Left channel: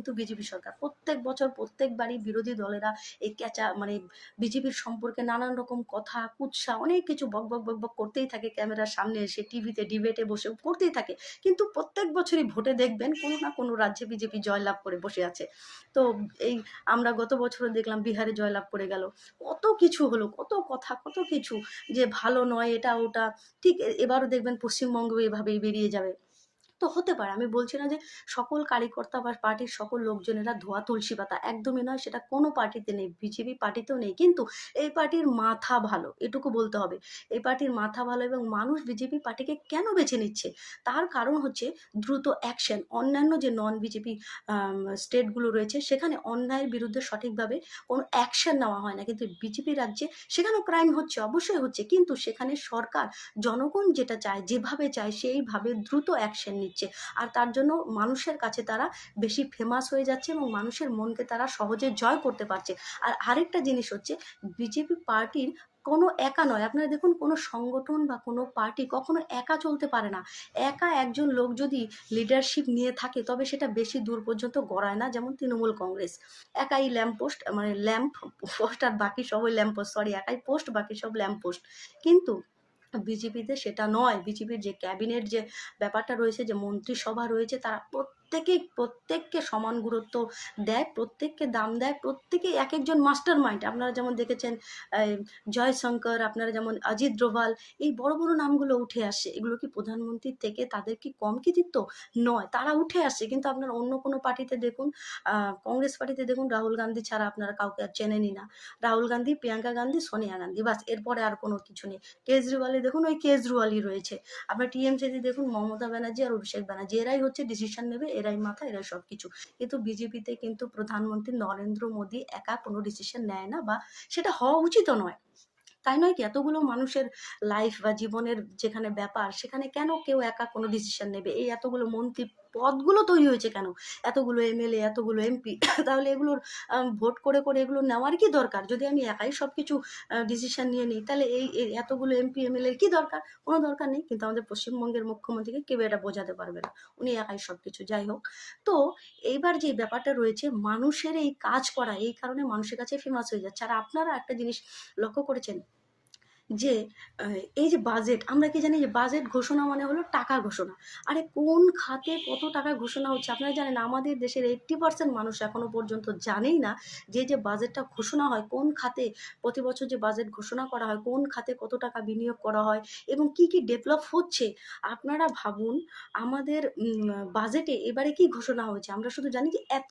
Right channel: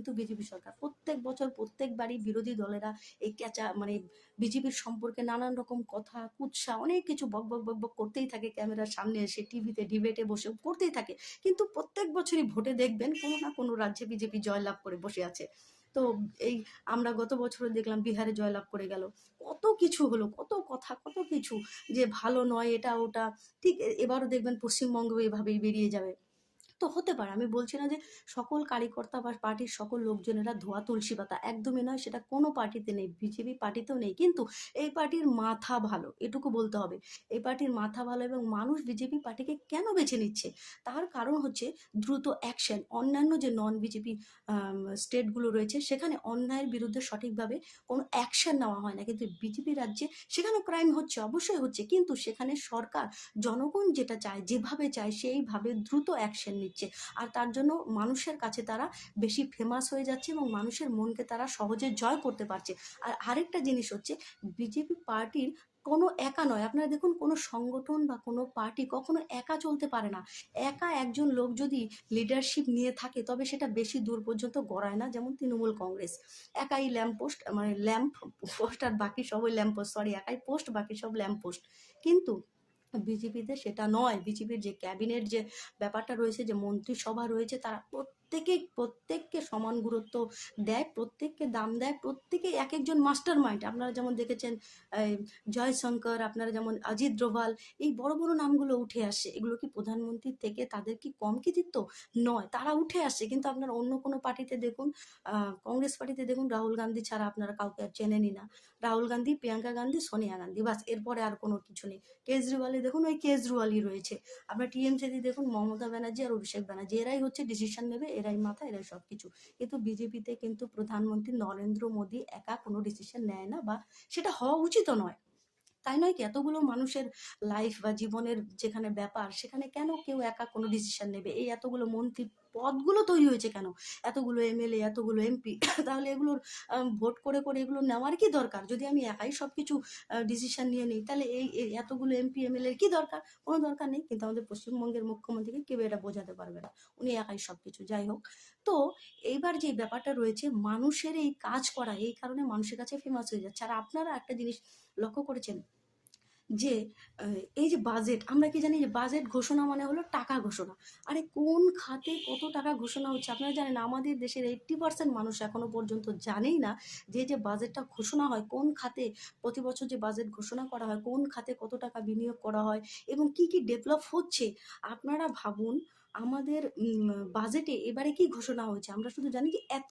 কিন্তু বিজেপি সরকার। প্রত্যেক বছর প্রত্যেকবারই বিরোধী দলেরা এই মানে বিজেপির সম্পর্কে নানান রকম কথা, কুৎসা, অনেক কিছু বক বক বক বক করতেই থাকে, ক্যামেরার সামনে এসে, টিভিতে, ডিবেটে বসে করতেই থাকে। কিন্তু প্রত্যেক বছরই ভোটে দেখবেন কোনো না কোনো রাজ্যে বিজেপি জয়লাভ করে বসে আছে। তো এই আমরা গত বছরও দেখলাম বিহারে জয়লাভ করে গেল। কত কিছু হলো, কত কথা, কত কিছু, যে ভালো নয় এটা ওটা। ঠিক এবারও দেখবেন পশ্চিমবঙ্গ এভাবেই বেরিয়ে যাবে। তো হতে পারে, আমি বলছি না যে সকল কার্যকর্তা বা পার্টির সকল লোকজনেরা ধোয়া তুলসী পাতা, একদমই নয়, সেটা কোনো পার্টিতে নেই, বিজেপি পার্টিতেও নেই। কিন্তু এই পার্টির মাথা ভালো, এটুকু বলতে হবে। এই পার্টির মাথা ভালো, এবং মানুষ বিজেপি পার্টিকে কেন বেছে নিচ্ছে তার কারণ হচ্ছে দ্রুত অ্যাকশন। অন্যান্য যে নন বিজেপি স্টেটগুলো রয়েছে সেখানে অন্যায়ের বিরুদ্ধে সঠিকভাবে কোনো অ্যাকশন নেওয়া হয় না, কিন্তু বিজেপি রাজ্যে সেখানেও ক্রাইম হচ্ছে, অবশ্যই হচ্ছে, কিন্তু সেখানে সরকার জনগণ যেটা চায়, যেভাবে চায় সেইভাবে দ্রুত অ্যাকশন নিচ্ছে। আর তার জন্য মানুষের কাছে তারা বেশি ফেমাস হয়ে যাচ্ছে এবং মানুষের মনকে তারা সহজে জয় করতে পারছে। আর আরেকটা জিনিস হচ্ছে, বিজেপি পার্টির কোনো একা নয়, আপনারা দেখুন কোনো সংগঠন বা কোনো পার্টি কখনো একা চলতে পারে না। একা একজন লোক যদি লিডারশিপ নিয়ে থাকে তবে সেটা বেশি দূর পর্যন্ত গড়ায় না। যেমন তৃণমূল কংগ্রেস একাই ল্যাম্প পোস্ট, মানে ল্যাম্প পোস্ট, আর বাকি সবাই ল্যাম্প পোস্ট, সরি, একাই পোস্ট, বাকি সব ল্যাম্প পোস্ট। কিন্তু বিজেপিতে সেটা নয়। বিজেপির যে ক্যাবিনেট যে ব্যাপারটা রয়েছে, যে মন্ত্রিসভা রয়েছে, তারা প্রত্যেককে সমান গুরুত্ব দেয়, প্রত্যেককে দাম দেয়, প্রত্যেকেই এক একজন মাস্টার মাইন্ড। আপনারা যেমন দেখেছেন জয়শঙ্কর, আপনারা যেমন অজিত ডোভাল, এই বড় বড় নামগুলো উঠে আসে। এগুলো কি প্রধানমন্ত্রীর থেকে তাদের কি কম কৃতিত্ব? নয়, তারা উঠে আসে। কিন্তু আপনারা অন্য কোনো পার্টিতে দেখুন, কংগ্রেস পার্টিতে দেখুন, রাহুল গান্ধী ছাড়া আপনারা কাউকে আর চেনেনই না। রাহুল গান্ধী, প্রিয়াঙ্কা গান্ধী, সোনিয়া গান্ধী, বাস, এরপরে আর কোনো কিছু নেই। কেজরিওয়ালে দেখুন, ওই কেজরিওয়ালই রয়েছে। আপনার টিএমসিতে দেখুন, মমতা ব্যানার্জি আর অভিষেক ব্যানার্জি, এরাই হচ্ছে ডিসিশন নেবে, এরাই মাথা, এরাই সব কিছু। কিন্তু বিজেপিতে কিন্তু প্রধানমন্ত্রী নরেন্দ্র মোদী একা কোনো ডিসিশন নেয় না, বা সেটা হওয়া উচিতও নয়। তাই নয় কি? এতগুলো মানুষের লাইফ বা জীবনের যেখানে ব্যাপার, সেখানে কেন কেউ একা কোনো ডিসিশন নেবে? এই এতগুলো মন্ত্রী পদগুলো তৈরি হয়েছে কেন? এতগুলো এমএলএ, এতগুলো এমপি, তাহলে এগুলোর ভোট করে করে এগুলো নেওয়ার কি দরকার? যদি আমি একাই সব কিছু ডিসিশন নিয়ে নিই, তাহলে এই এতগুলো এমপি এমএলএর কি দরকার? কোনো দরকার নেই। কিন্তু আমাদের পশ্চিমবঙ্গের মুখ্যমন্ত্রীকে কেউ এটা বোঝাতে পারবে না, উনি একাই সব কিছু। যাই হোক, তো এইবার যে ব্যাপারটা রয়েছে, মানুষের এই কাজ করা, এই কারণে মানুষের কাছে ফেমাস হয়ে যাচ্ছে। আর আপনারা একটা জিনিস লক্ষ্য করেছেন, যে এই যে বাজেট, আমরা কি জানি যে বাজেট ঘোষণা মানে হলো টাকা ঘোষণা। আরে কোন খাতে কত টাকা ঘোষণা হচ্ছে আপনারা জানেন? আমাদের দেশের 80% মানুষ এখনো পর্যন্ত জানেই না যে বাজেটটা ঘোষণা হয় কোন খাতে, প্রতি বছর যে বাজেট ঘোষণা করা হয় কোন খাতে কত টাকা বিনিয়োগ করা হয় এবং কি কি ডেভেলপ হচ্ছে। আপনারা ভাবুন, আমাদের বাজেটে এবারে কি ঘোষণা হয়েছে, আমরা শুধু জানি যে এত